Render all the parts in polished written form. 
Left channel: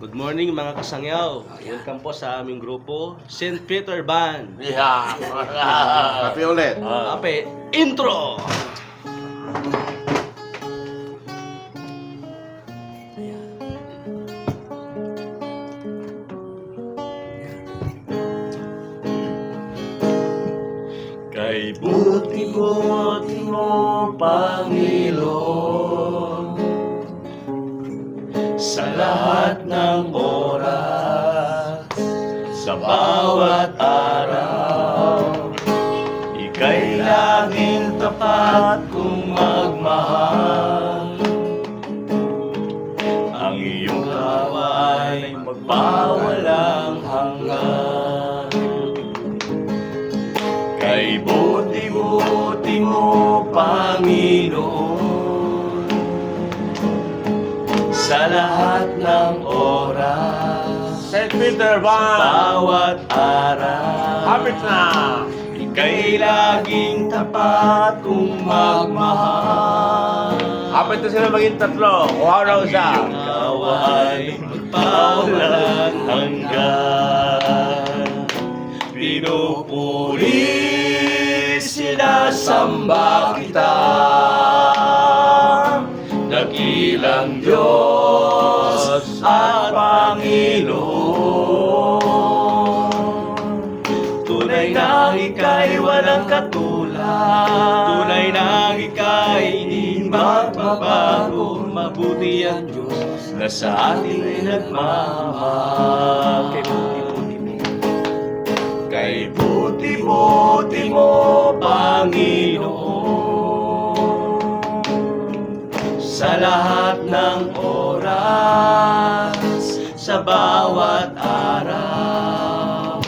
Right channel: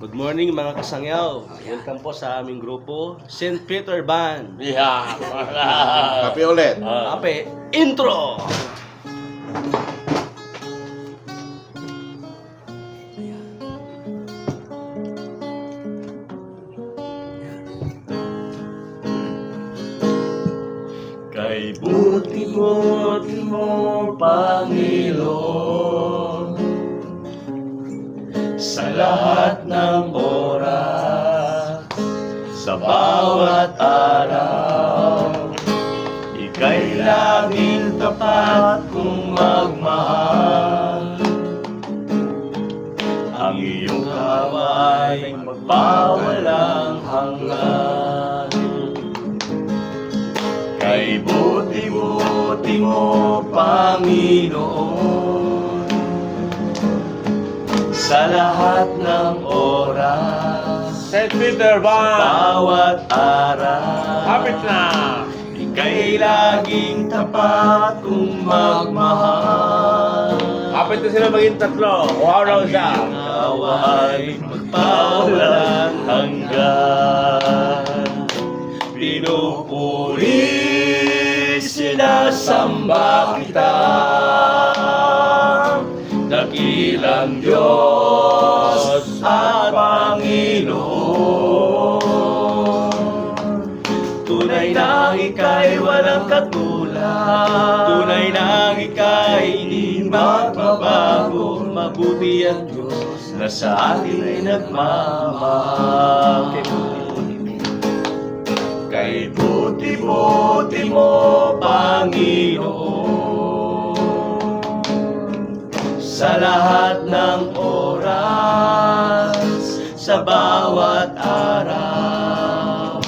Good morning mga kasangyaw. Welcome po sa aming grupo, St. Peter Band. Yeah. Happy ulit. Ape, intro! Kay buti-buti mo, Panginoon, sa lahat ng oras, sa bawat araw, ika'y laging tapat kung magmahal. Ang iyong kaway magpawalang hanggan. Kay buti-buti mo, Panginoon, sa lahat ng oras, St. Peter Band. bawat araw, Kapit na. ika'y laging tapat kung magmahal. Kapit na sila maging tatlo. Wow raw siya. Ikaw ay magpawalang hanggan. Pinupuri, sinasamba kita, dakilang Diyos at Panginoon. Tunay na ika'y walang katulad, tunay na ika'y hindi magbabago. Mabuti ang Diyos na sa atin ay nagmamahal. Kay buti-buti mo, Panginoon, sa lahat ng oras, sa bawat araw,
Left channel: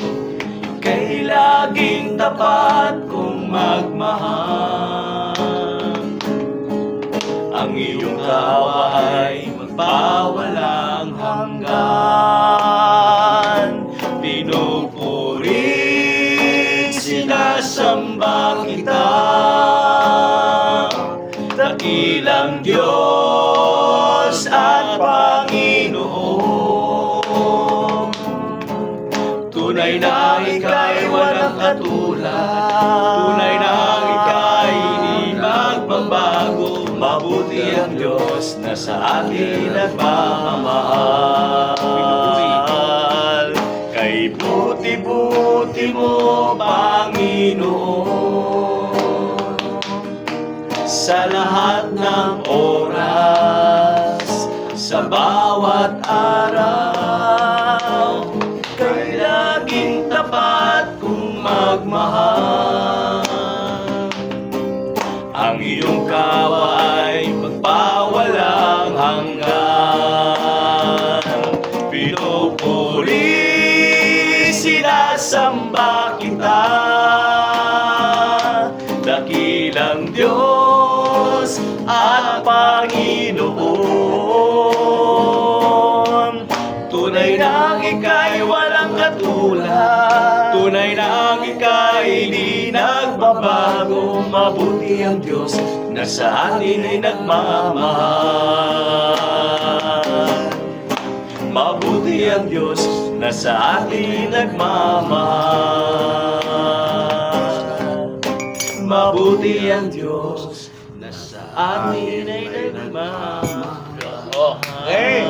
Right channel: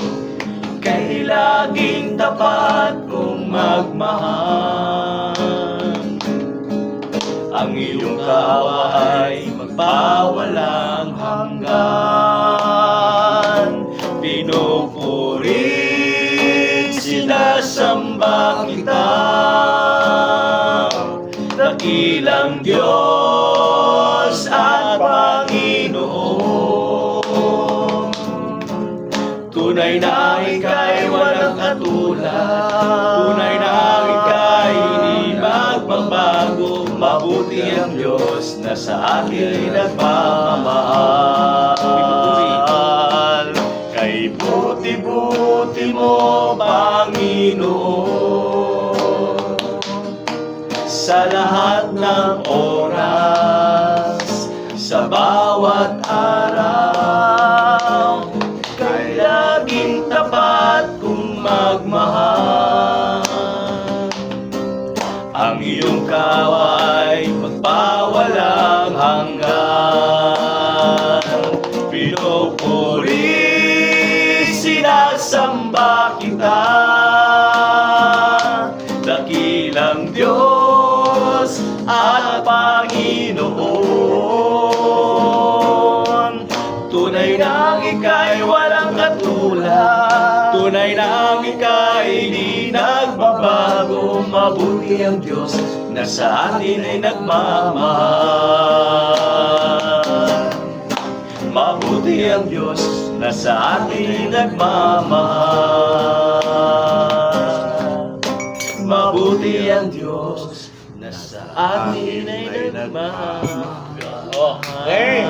ika'y laging tapat kung magmahal. Ang iyong kaway magpawalang hanggan. Pinupuri, sinasamba kita, dakilang Diyos at Panginoon. Tunay na ika'y walang katulad, tunay na ika'y hindi magbabago. Mabuti ang Diyos na sa atin nagmamahal. Kay buti-buti mo, Panginoon, sa lahat ng oras, sa bawat araw, ika'y laging tapat kung magmahal. Ang iyong kaway magpawalang hanggan. Pinupuri, sinasamba kita, dakilang Diyos at Panginoon. Tunay na ika'y walang katulad, tunay na ika'y di nagbabago. Mabuti ang Diyos na sa atin ay nagmamahal. Mabuti ang Diyos na sa atin nagmamahal. Mabuti ang Diyos na sa atin ay nagmamahal. Okay.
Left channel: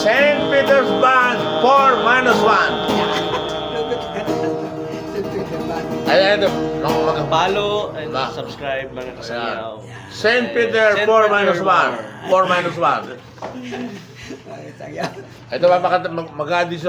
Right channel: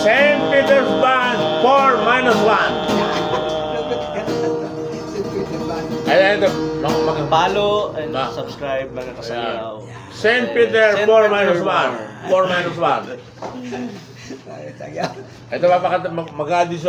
St. Peter Band 4-1. Ayan ito. Follow and subscribe mga kasangyaw. St. Peter 4-1. 4-1. Ito papakanta mag-addition.